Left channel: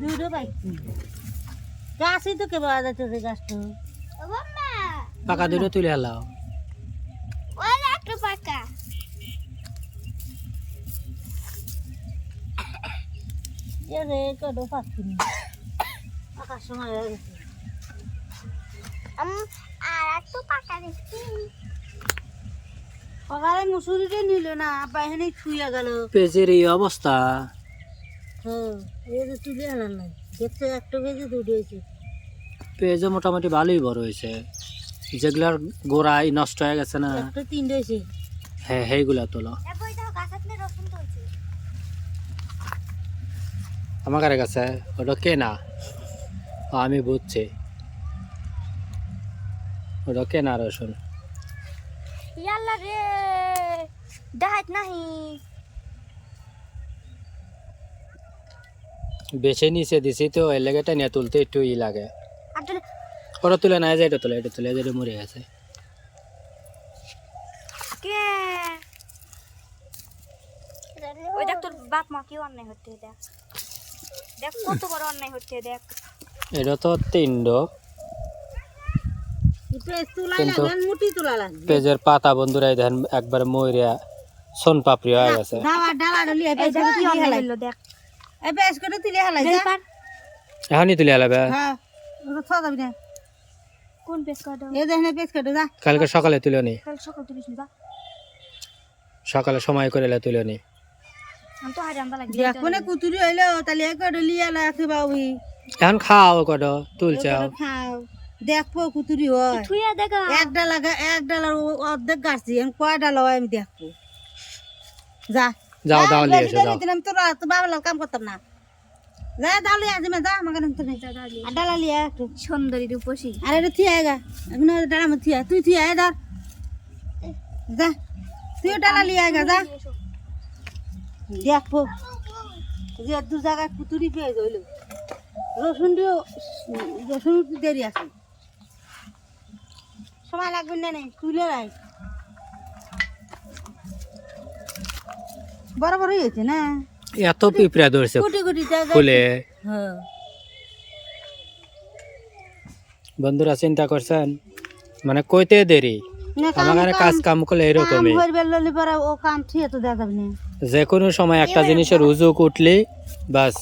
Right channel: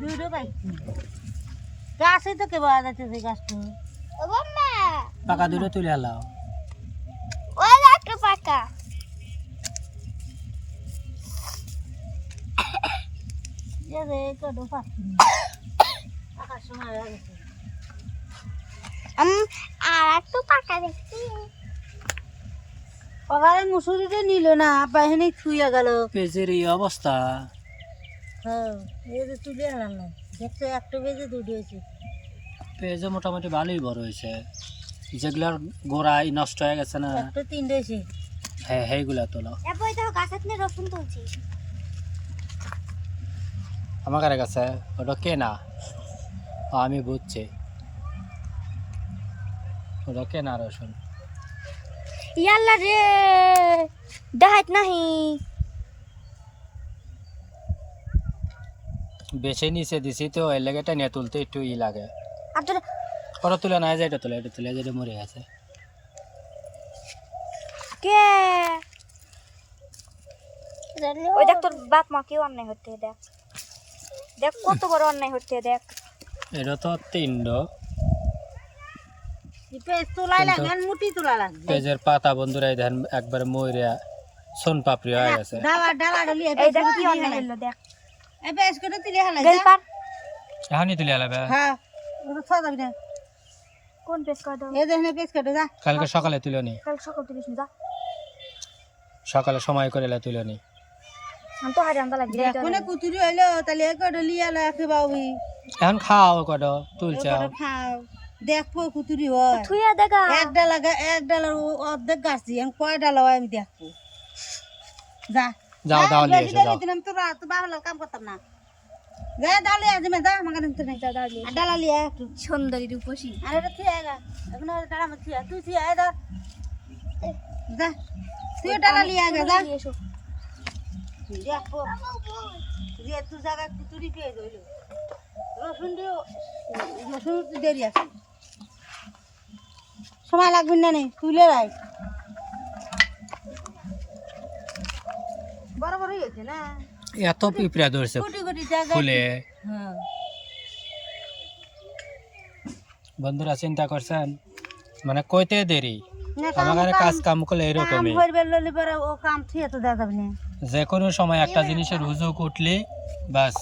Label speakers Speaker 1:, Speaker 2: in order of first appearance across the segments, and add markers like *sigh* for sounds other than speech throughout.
Speaker 1: দুটো পাইছি। গাছই তো কে পাওয়া যাচ্ছে গাছটা
Speaker 2: পাকা দুটো তুলে
Speaker 3: একটা পাকা
Speaker 1: যে রে কত পাচ্ছি না। আকাশ সময় গেছে।
Speaker 3: আম আর একটা পাকা দেখছি।
Speaker 1: সকালে মুসুরিটা নিল না বাহিনী ছুঁয়ে গেল।
Speaker 2: পেজের এই অবস্থা।
Speaker 1: হ্যাঁ এই যে তুলে হারান নাই দেখছ একটা বেজে দুটো হয়েছে।
Speaker 2: পেজও মোটামুটি ভালোই বড় হয়েছে। যেগুলার গোড়াই নষ্ট হয়ে গেছে না
Speaker 1: একটা তিনটে হয়েছে
Speaker 2: হ্যাঁ সেইগুলা তোলো। আমার কাছে ওটা কেনা ও, আমি বুঝছি। ওটা কেনা রসুন?
Speaker 3: ইয়াল্লা রে? দেখাত নাহি।
Speaker 2: বেছে নিচে দিছি তো এর লেগে টানিয়া তুলতে একটু ই লাগে। ওটা তুলে না যায় এটা তুলে এটা তুলে যেটা মরে গেছে।
Speaker 3: কে? ওই দেখ তোর বাপ মা কেউ অন্যায় হচ্ছে দেখ। দেখ কত বড় অন্যায় হচ্ছে দেখ।
Speaker 2: এটা তো
Speaker 1: পেঁচ তোলাই
Speaker 2: কিন্তু- পেজের পাতা বন্ধুরা দেখেন একবার মরিয়া সোন পাপড়ি হয়ে গেছে। এখনই তুলে হালাবে।
Speaker 1: হ্যাঁ
Speaker 2: কালকে সকালে তুলে নি।
Speaker 3: কাল সকাল
Speaker 2: সময় করে তুলে নি। এখন খাও কত তুলছে
Speaker 1: খাও। দেখব কুতুরি হয়।
Speaker 3: থুইয়া দেখা
Speaker 1: এক ডালা এক ডালার অর্ধেক গাছ দিয়ে কয় ডালা হয় আমি দেখব যা।
Speaker 2: যাও দাও নিয়ে এসো যাও।
Speaker 1: আমি তোর তো কাম করতাম না। যা ডালি আছে যা আমাকে নিতে নেই
Speaker 3: যা দাঁড়িয়ে
Speaker 1: আর ডালা লিয়ে একটু
Speaker 3: সুন্দরী রূপসী।
Speaker 1: আরে ডালা মত থিয়া তুই থিয়ে আয় দা যা। তুই ডালা লিয়ে আয় গা যা। দেখব যে দু জায়গায় কুতুরি পেয়ে গেল। রসুন দিও রসুন দেরি আছে। সময় লাগবে না নেই তুলে রাখ। বড় বড় হয়েছে না?
Speaker 2: এত পিঁপড়া ধরছে
Speaker 1: কোটি কোটি জায়গা
Speaker 2: ফুলে।
Speaker 1: হ্যাঁ।
Speaker 2: বন্ধুরা চিন্তা করছেন মানে কইতে দেরি? আমার কাজ কাম করলে
Speaker 1: কাম
Speaker 2: এরকমই
Speaker 1: ও কাম ঠিক তো না।
Speaker 2: যে কোনো সময় একটা জিনিসের উজুক উঠলি বাস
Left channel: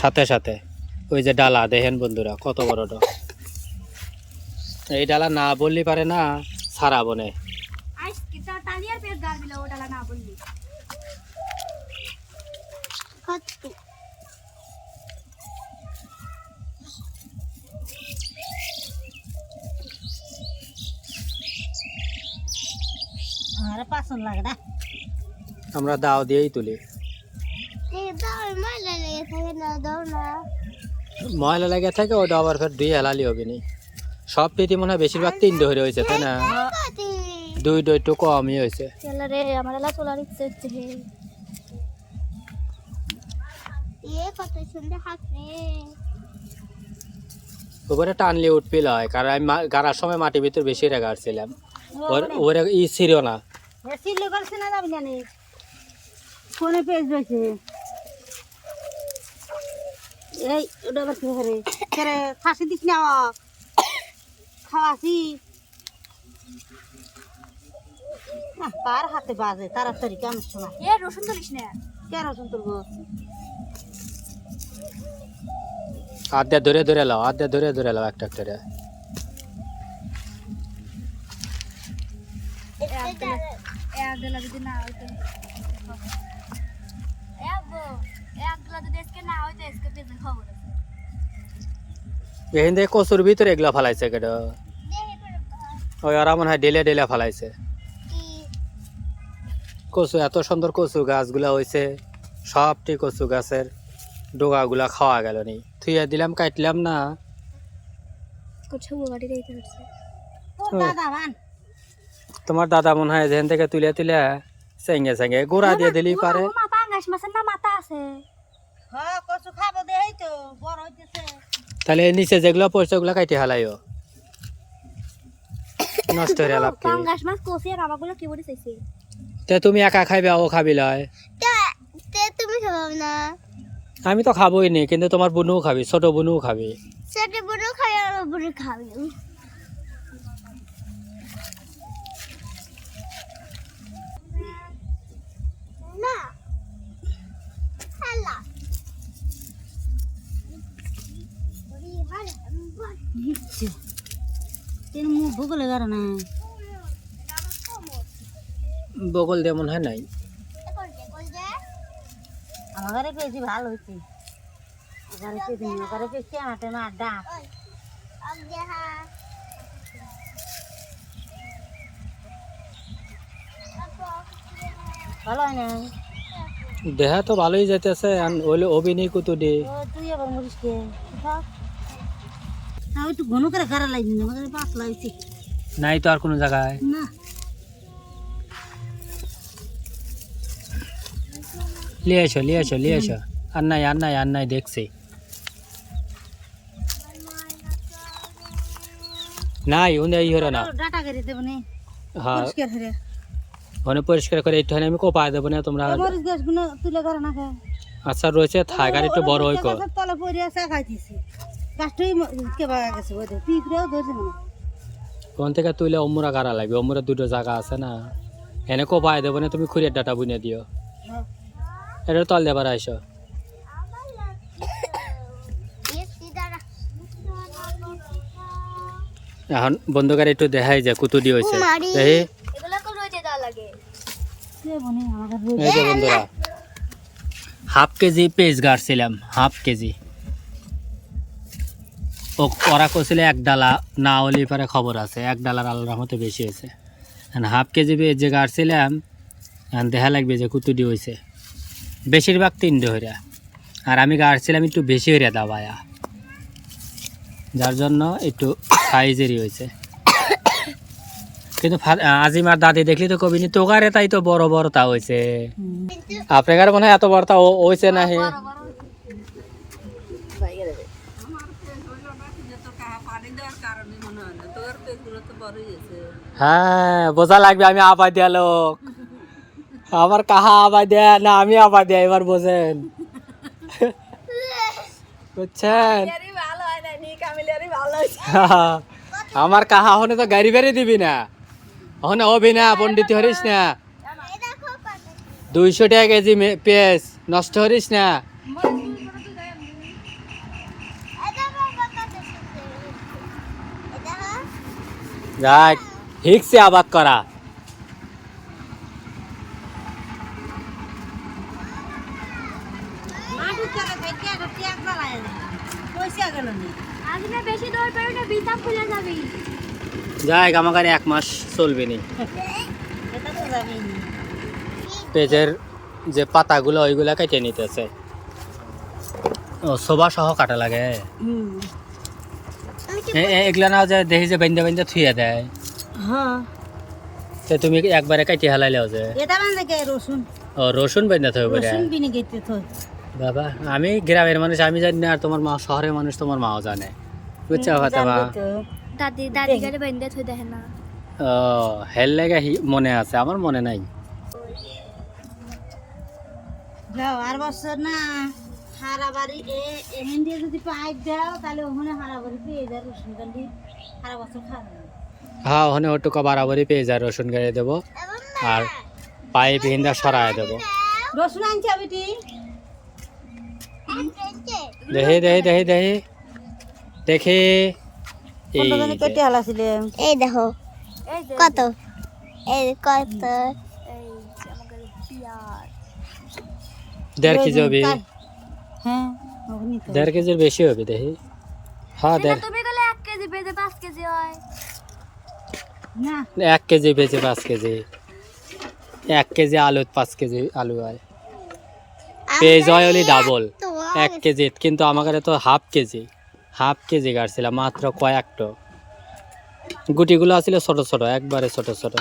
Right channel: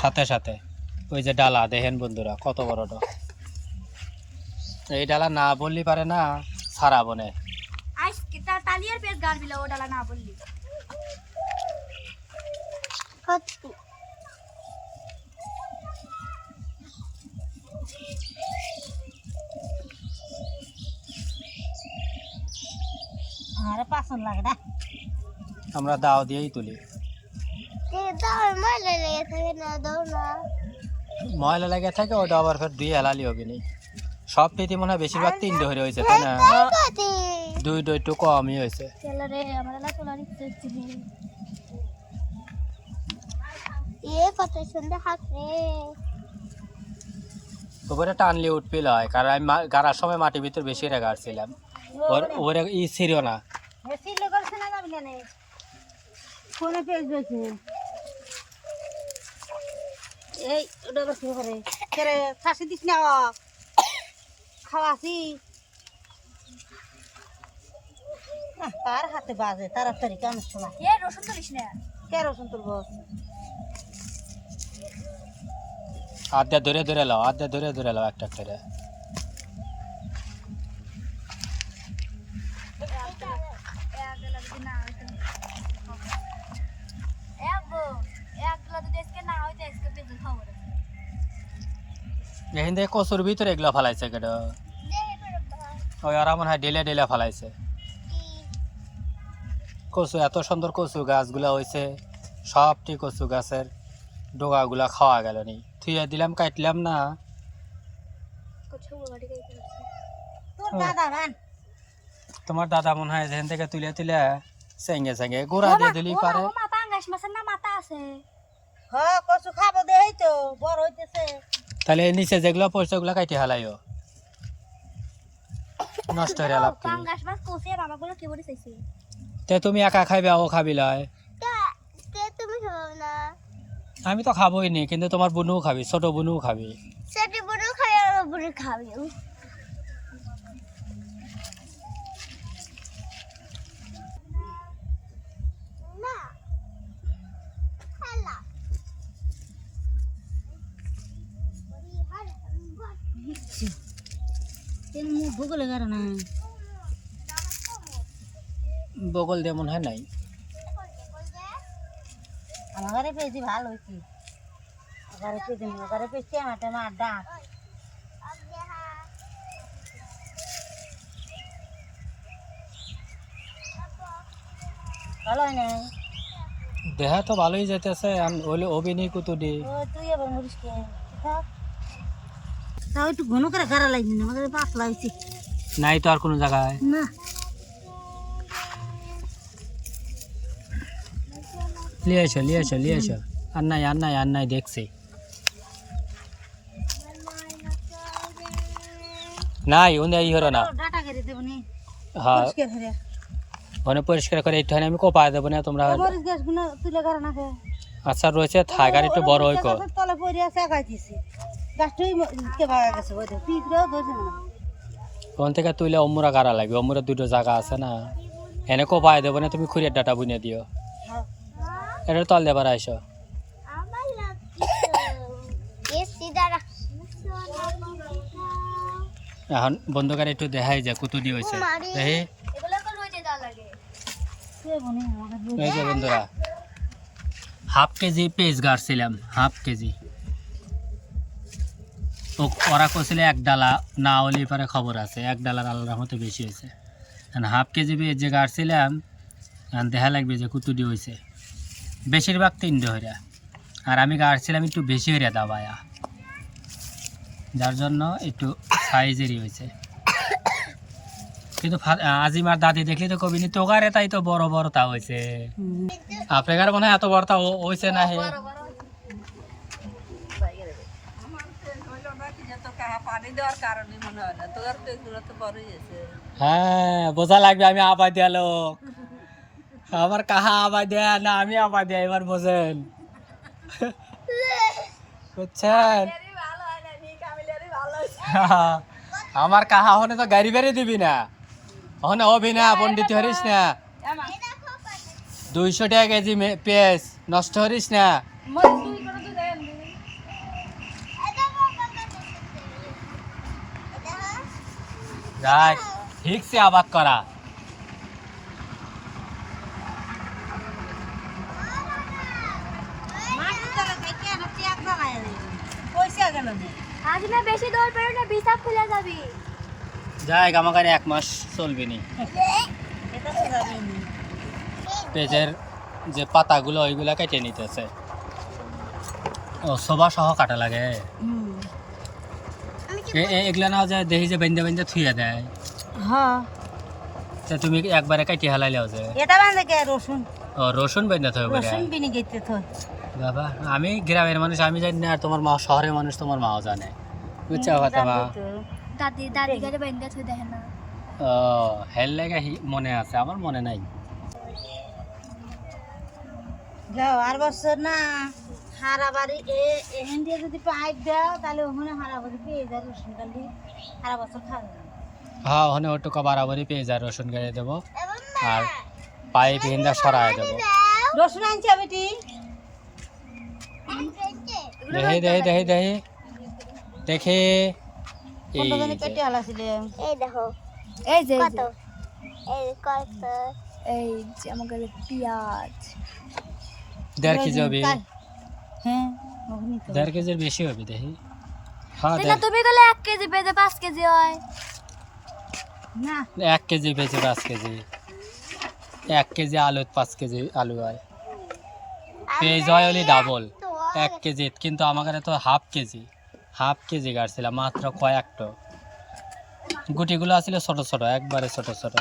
Speaker 2: সাথে সাথে। ওই যে ডালা দেখেন বন্ধুরা কত বড়টা এই ডালা না বললি পারে না সারা বনে। আমরা দাও দিয়েই তুলি।
Speaker 3: ময়লা লেগে থাকে না দাও না।
Speaker 2: ময়লা লাগে থাকে ওটা আবার ফের দুই হেলালি হবে নি। সব প্রীতি মনে হয় বেশিরভাগ তিন ডো হয়েছে তাই না? দুই ডো একটু কমই হয়েছে। উপরে টানলে উঠপিল হয় কারণ আমি গাড়ার সময় মাটির ভিতর বেশি রেখে আসছিলাম। ওর- ই ছিল না।
Speaker 1: ফোনে পেজ রয়েছে। এই ওটা করে ফাঁসি দিস না। খাওয়াছি। আহ, কার হাতে বাজে? তাড়াতাড়ি কেমন সময়
Speaker 3: এ রসুন তুলিস না।
Speaker 1: কে রসুন তুলবো?
Speaker 2: আদ্যা ধরে ধরে লাও আদ্যা ধরে ধরে লাও একটা একটা করে। কচুর ভিতরে এগুলা ফালাইছে কেন ওই ওরা মনে হয় ডেলে ডেলে ফালাইছে। কচু এত সুন্দর কচু গাছগুলা হয়েছে সবটি কচু গাছের ডোগাগুলা খাওয়া গেল নি। থুইয়া দিলাম কাটলাম না। তোমার দাদা মনে হয় যেখান থেকে তুলে তুলে সেঙ্গে সেঙ্গে গোড়া দিয়ে দিলি পারে।
Speaker 3: মা পাঙ্গাস মাছের না মাথা আছে।
Speaker 1: হ কচু খাব দেই তো বড় হইতেছে।
Speaker 2: তাহলে নিচে যেগুলো পড়ছে ওগুলো কাইতে হালাইও। নষ্ট হয়ে লাভ কি
Speaker 3: পাঙ্গাস মাছ কোসে আর আমাগুলো কি বলে চাইছে?
Speaker 2: তে তুমি একা খাইবে ও খাবি লয়।
Speaker 1: তুমি খাব না।
Speaker 2: আমি তো খাবোই নি কিন্তু তোমার বুনুও খাবি ছোট বুনুও খাবি।
Speaker 1: ছোট বুড়ো খাই আর বুড়ো খাবি। তিন মুখ ভূগোলে গাড়ো না।
Speaker 2: বগল দিয়ে মনে হয় নাই।
Speaker 1: আমার ঘরে পেয়েছি ভালো হয়েছে ঘরে পেয়েছি ঘরে পেয়েছি আমার টাইমে আড্ডা। ভালো হয় না
Speaker 2: দেহা তো ভালোই যেতেছে ওইলে অভিনয় কুতুডি
Speaker 1: ও তুই আবার মরিস কে? থাক। তাও একটু ঘন করে গাড়া লাগছে না পাতলা হয়েছে
Speaker 2: নাই তো আর কোনো জায়গায়।
Speaker 1: না।
Speaker 2: লিয়ে এসো লিয়ে এসো লিয়ে এসো। আর নাই আর নাই আর নাই দেখছি। নাই উনি এই হলো না।
Speaker 1: ডাটা করে দেবো নে।
Speaker 2: হ্যাঁ
Speaker 1: পরিষ্কার করে।
Speaker 2: ওখানে পরিষ্কার করে একটু আমি কোপা দেবো না তোমরা
Speaker 1: গাছগুলো তুলে গাড়া না
Speaker 2: আচ্ছা রয়েছে থাক আর একটু বড় হইকো।
Speaker 1: তলে পড়ে আছে খাইতেছি গাছটাই কে বাগা গেছে বোধ পিঁপড়েও ধরছে না
Speaker 2: ওখান থেকে তুইলে অমুরা গাড়া লাগবে? অমুরা দুটো জায়গা আছে না। এনে কোপায় দেবো না তুমি ডাটা বুনে দিও।
Speaker 1: হ্যাঁ।
Speaker 2: এটা তল দেবার আইসো। এখন বন্ধুকার একটু দেখাই যায় কুতুডি হয়েছে দেখি।
Speaker 3: এগুলো তো রোজে দেওয়া লাগে।
Speaker 1: কে বনে? আমাকে
Speaker 2: এই যে বন্ধুরা হাফ কেজি পেঁয়াজ গাড়ছিলাম হাফ কেজি। ও ওরা করছিল এক ডালা না হলে পরে খবর আছে। এক ডালার আল্লাহর মতো বেশি হয়েছে। হাফ কেজি যে গাড়ছিলাম দেখা লাগবে যে কুতুডি হয়েছে বেশিরভাগ তিন হইরা। আর আমি গাড়ছিলাম একটু বেশি হইরা দাবায়া। যার জন্য একটু সাইজেরই হয়েছে কিন্তু আজিমার দাদি দেখলি তো কবিনি তোগারে তাই তো বড় বড় তা হয়েছে আপনার মনে হয় এত বড় তা হয়েছে না হে? হ্যাঁ বোঝা লাগবে আমি আবার দেয়া লোক। আমার কাহা আবার দেয়া? না আমি আবার দেয়া এবার বোঝেন। বুঝছেন? *laughs* আমার কাহা হনে তো গাড়ি বেড়ে দিবি না। হনে হবি না পন্ডিত হরিস না। দুইশো টাকা কেজি পেঁয়াজ নষ্ট হরিস না যাক ঠিকছে আবাদ করা
Speaker 1: মাটির তলে থেকে একটা ট্যাগ জ্বালায় পয়সা গেল না
Speaker 3: আজ না বেশি দৌড় পেরো না। বিছাপ খুলে যাবি।
Speaker 2: যাই আমাকে এক মাস চলবে নি। পেঁয়াজের যে পাতাগুলো ওইগুলা কেটে নিতেছে। ও সবা সহ কাটা লাগে। এগুলা না যে দেখি যে থুয়ে দেয়।
Speaker 1: হ্যাঁ।
Speaker 2: তো তুমি একবারে কাটি হালাইলেও যে।
Speaker 1: এটা বান্ধে কে? রসুন।
Speaker 2: ও রসুন বেঞ্জা থয়ে বলে
Speaker 1: রসুন বিনি গেতে থয়
Speaker 2: বাবা আমি গ্রামের মানুষ আমি জানি না আর তোমার মা শহরের মানুষ তোমার মাও জানে। বুঝছ কথা মা?
Speaker 3: দাদি দাদি গাড়ি বেঁধে থই দেখে না।
Speaker 2: ও হেল লেগে মনে আছে। আমার মনে নাই।
Speaker 1: যাও আর বছর না। হারা বাড়ি এখান দিয়ে যদি পাইপ দাও তাহলে ওখানে হারা বাড়ি পেয়ে যায় রসুন কালি হারা বছর খাওয়া যাবে
Speaker 2: হ্যাঁ ওখানে ওটুকু বারাবারই পেয়ে যায় রসুন গাড়ি দেবো। আর পাইপ হিন্দা সরাই দেবো।
Speaker 1: রসুন আনছি বেটি
Speaker 2: দেখি দেখি দেখি দেখি। দেখি এই।
Speaker 1: কেটে হালাছিলে
Speaker 3: এই দেখো। এই যে
Speaker 1: কত? এই কত?
Speaker 3: এই যে আমাকে পেঁয়াজ।
Speaker 2: দেড় কেজি হবে।
Speaker 1: হ্যাঁ ওখানে তো।
Speaker 2: দেড় কেজির বেশি হবে দেখি। হ্যাঁ দেড়
Speaker 3: তুমি গেলে এক কেজি পেঁয়াজে পাঁচ কেজি হয়।
Speaker 1: না।
Speaker 2: এক কেজি বেচে পাঁচ কেজি। এক কেজি আলু পাঁচ কেজি আলু হয়। পেঁয়াজ হয় হলে ডাবল এক কেজি কিন্তু আমার তো হাফ কেজি। হাফ কেজি গাড়ছিলাম মাত্র কয়েকটো। গুটিগুলো আছিল ছোট ছোট একবারে ছোট ছোট।